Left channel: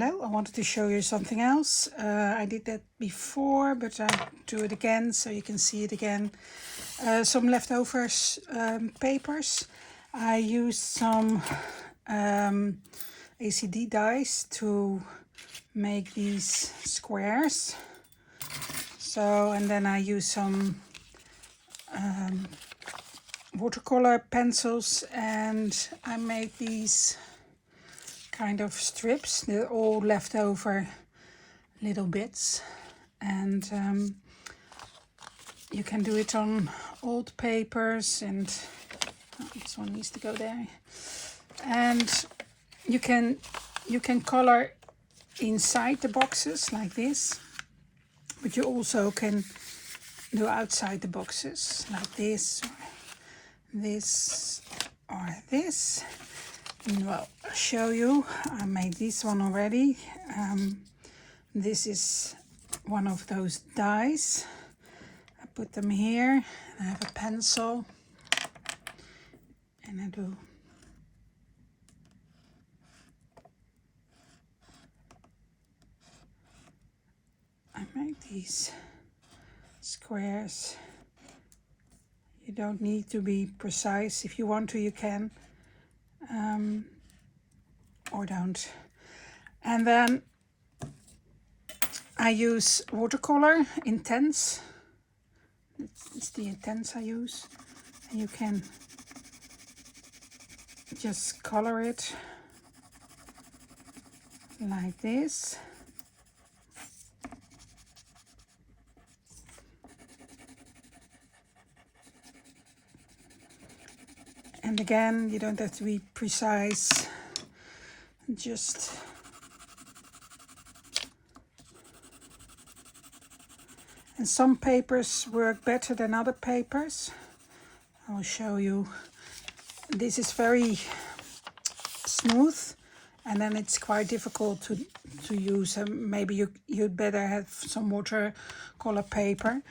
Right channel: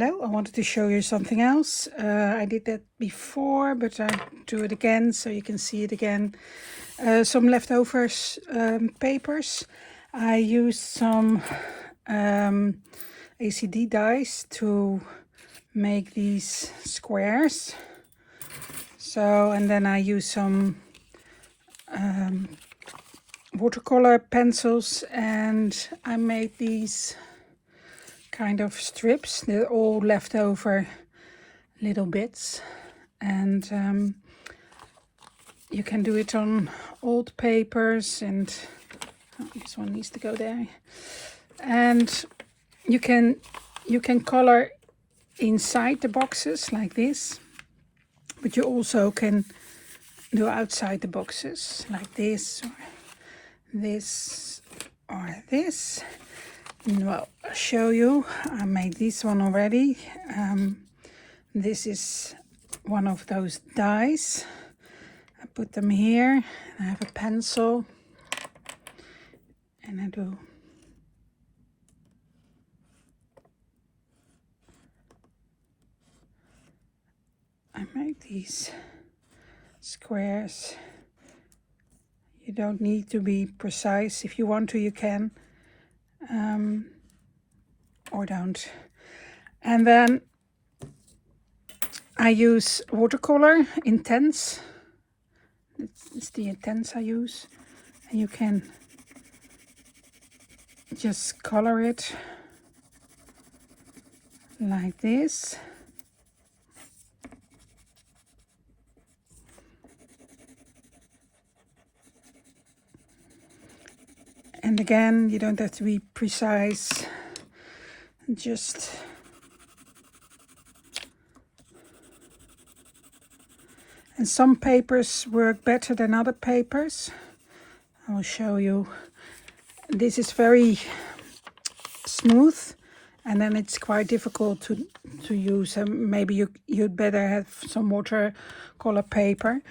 Hello, I wanted to show you something else. I did that before, but I do it again so you can see it again. Some leftovers papers. I used some ACD dies to make these squares. So, and then I used some watercolor pencils and I made these kind of strips. They're all leftover little bits, and you can do it on old papers, and this one needs to go there, and you can color inside the boxes like this, but you also can do outside the boxes like this or this or this. Well, I'll show you. I made this one already. This is one of those dies. I put them here. I have a pencil, and I make these squares. You don't need to be precise. If you want to, you can. Or don't. And then I use watercolor intense. It's the intense I use. And you can just color it like this. And again, you don't have to be precise. Just and some papers work better than other papers. I will show you. This is very smooth, and then it's quite difficult to use. Maybe you'd better have some watercolor paper.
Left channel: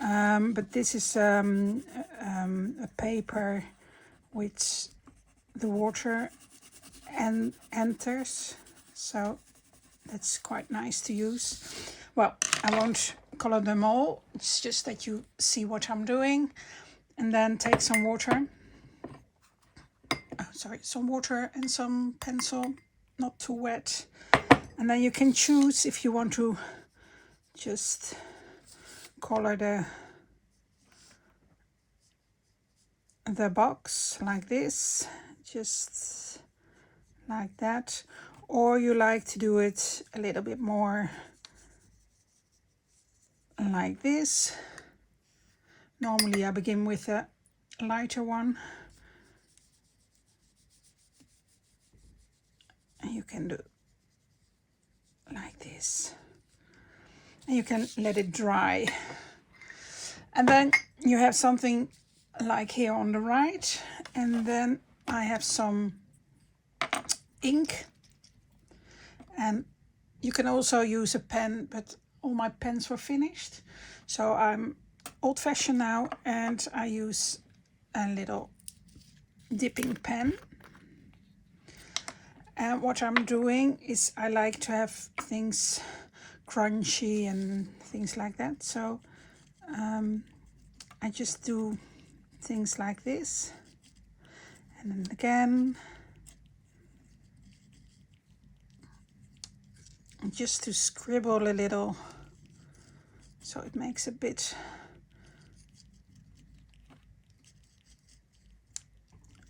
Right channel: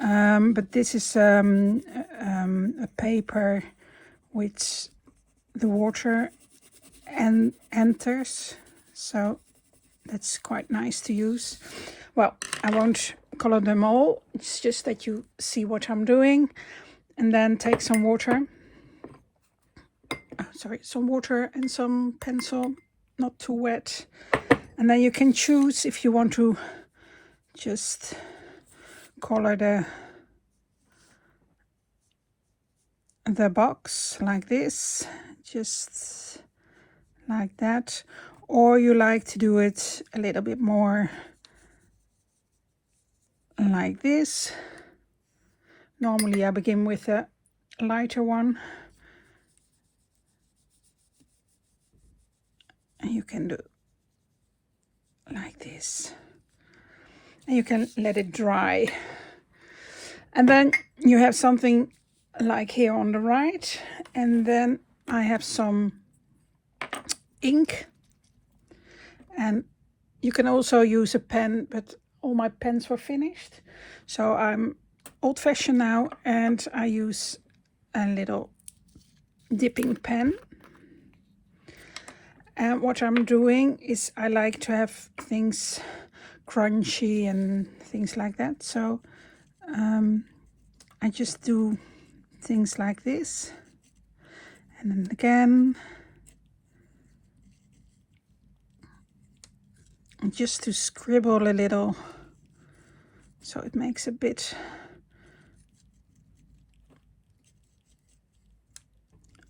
But this is a paper which the water enters, so that's quite nice to use. Well, I won't color them all, it's just that you see what I'm doing. And then take some water, some water and some pencil, not too wet, and then you can choose if you want to just color the box like this, just like that, or you like to do it a little bit more like this. Normally I begin with a lighter one, and you can do like this, and you can let it dry, and then you have something like here on the right, and then I have some ink, and you can also use a pen, but all my pens were finished, so I'm old-fashioned now, and I use a little dipping pen. And what I'm doing is I like to have things crunchy and things like that, so I just do things like this, and then again, just to scribble a little, so it makes a bit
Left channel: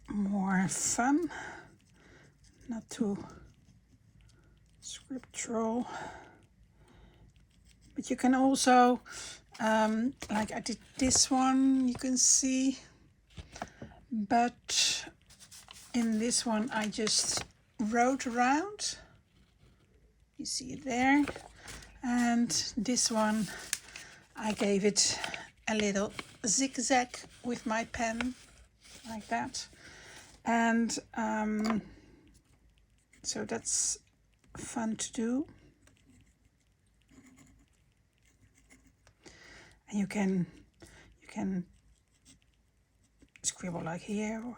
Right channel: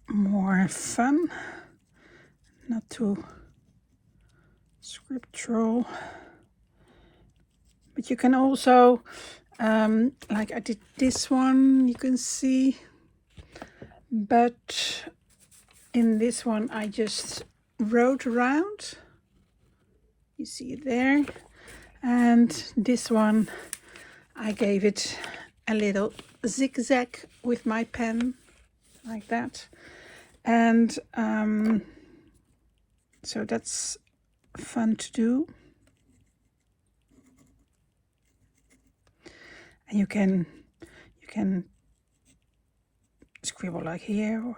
more fun, not too scriptural. But you can also, like I did this one, you can see, but in this one I just wrote around. You see it there. And this one I gave it a little zigzag with my pen, like that. And so that's fun to do. And you can scribble like here, or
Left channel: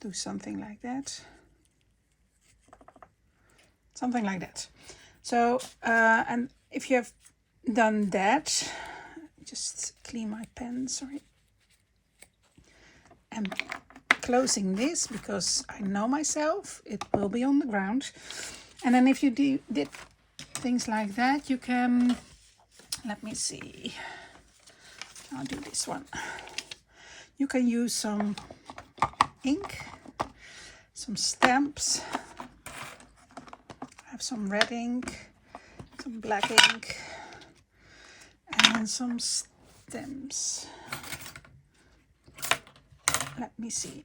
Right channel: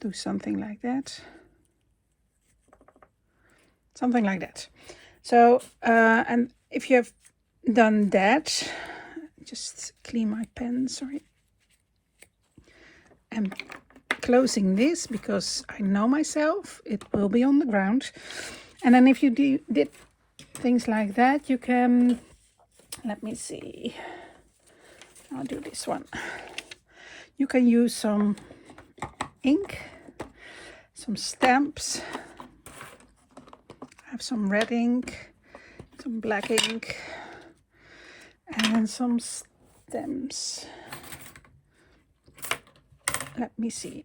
do something like that. something like that. So and if you have done that, just clean my pen, sorry. I'm closing this because I know myself, it will be on the ground. And then if you did things like that, you can, let me see, I'll do this one. You can use some ink, some stamps. I have some red ink, some black ink, and some stamps. Let me see.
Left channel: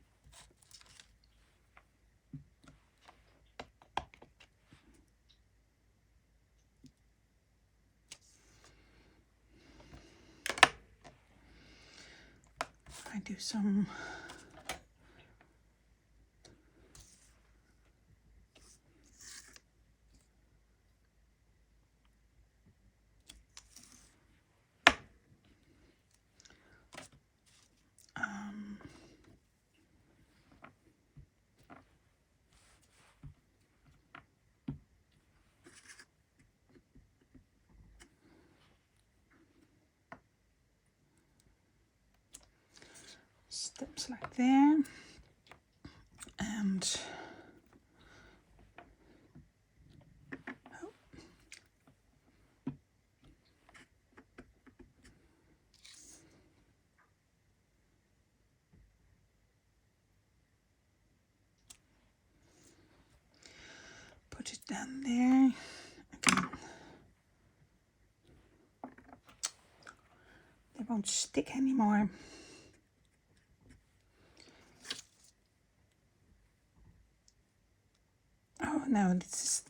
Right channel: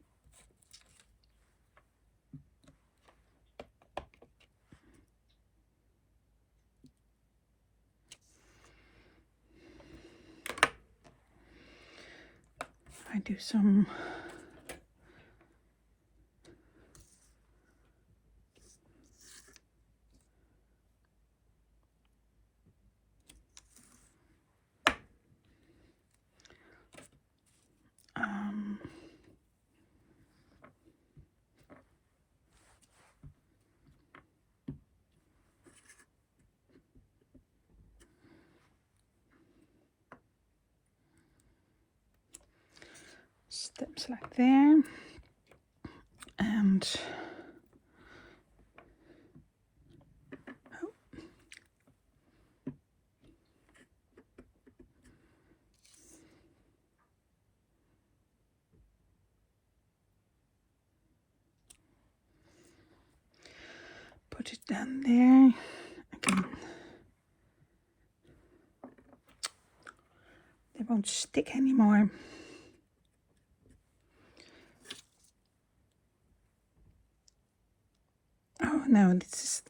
I do some steps like there, and put it down there again. They won't stick anymore. Oh no, this is,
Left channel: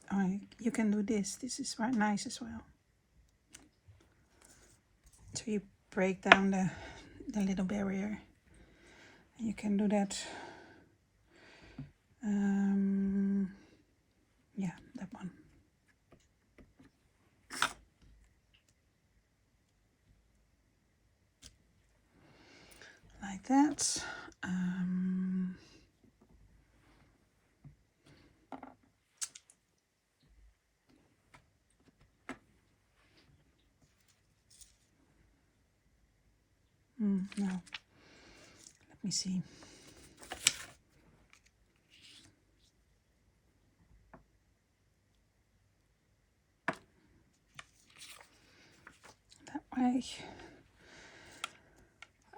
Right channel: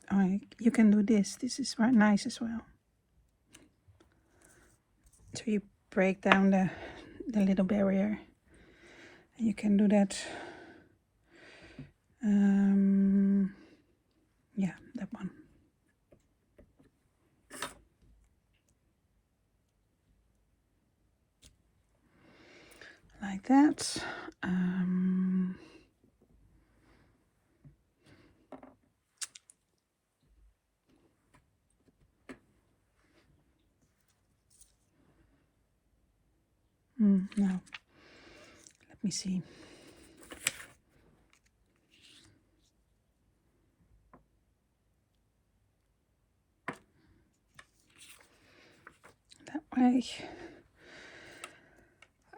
you can do this. This is very nice as well. So you break down the little barrier. You can do that. Yeah, that one. Like that. No, let me see. That way.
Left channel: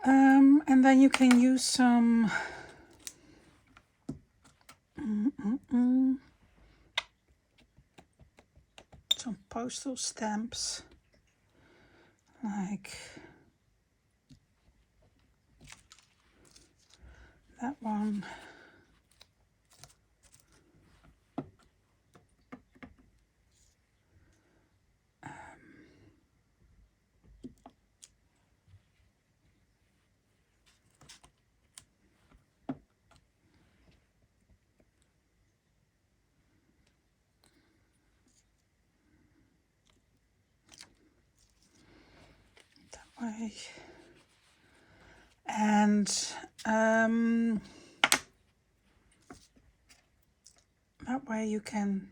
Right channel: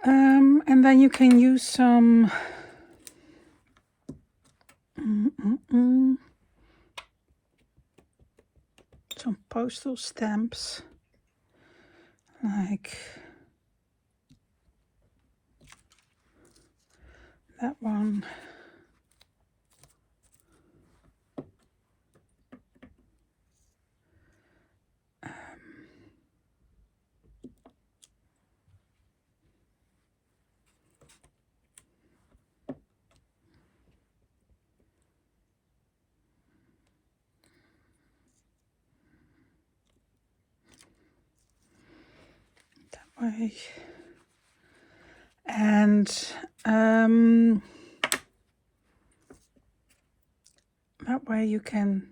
And then you can use some some postal stamps, like that one. Way. And that way you can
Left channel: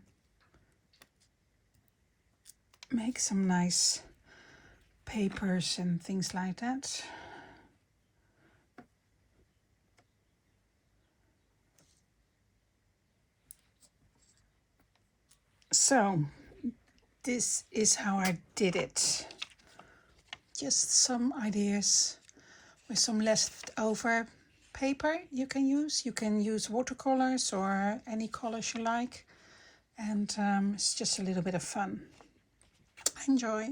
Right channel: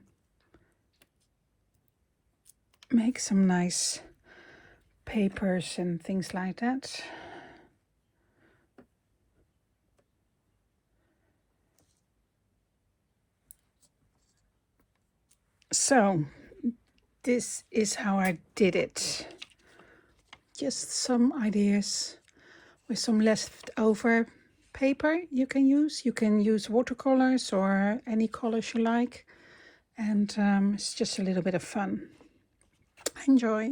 make some nice papers and things like that. So this is how I did it. Just some ideas with some leftover paper you can use. You can use watercolors or any colors you like. And it's just a little bit of fun. Enjoy.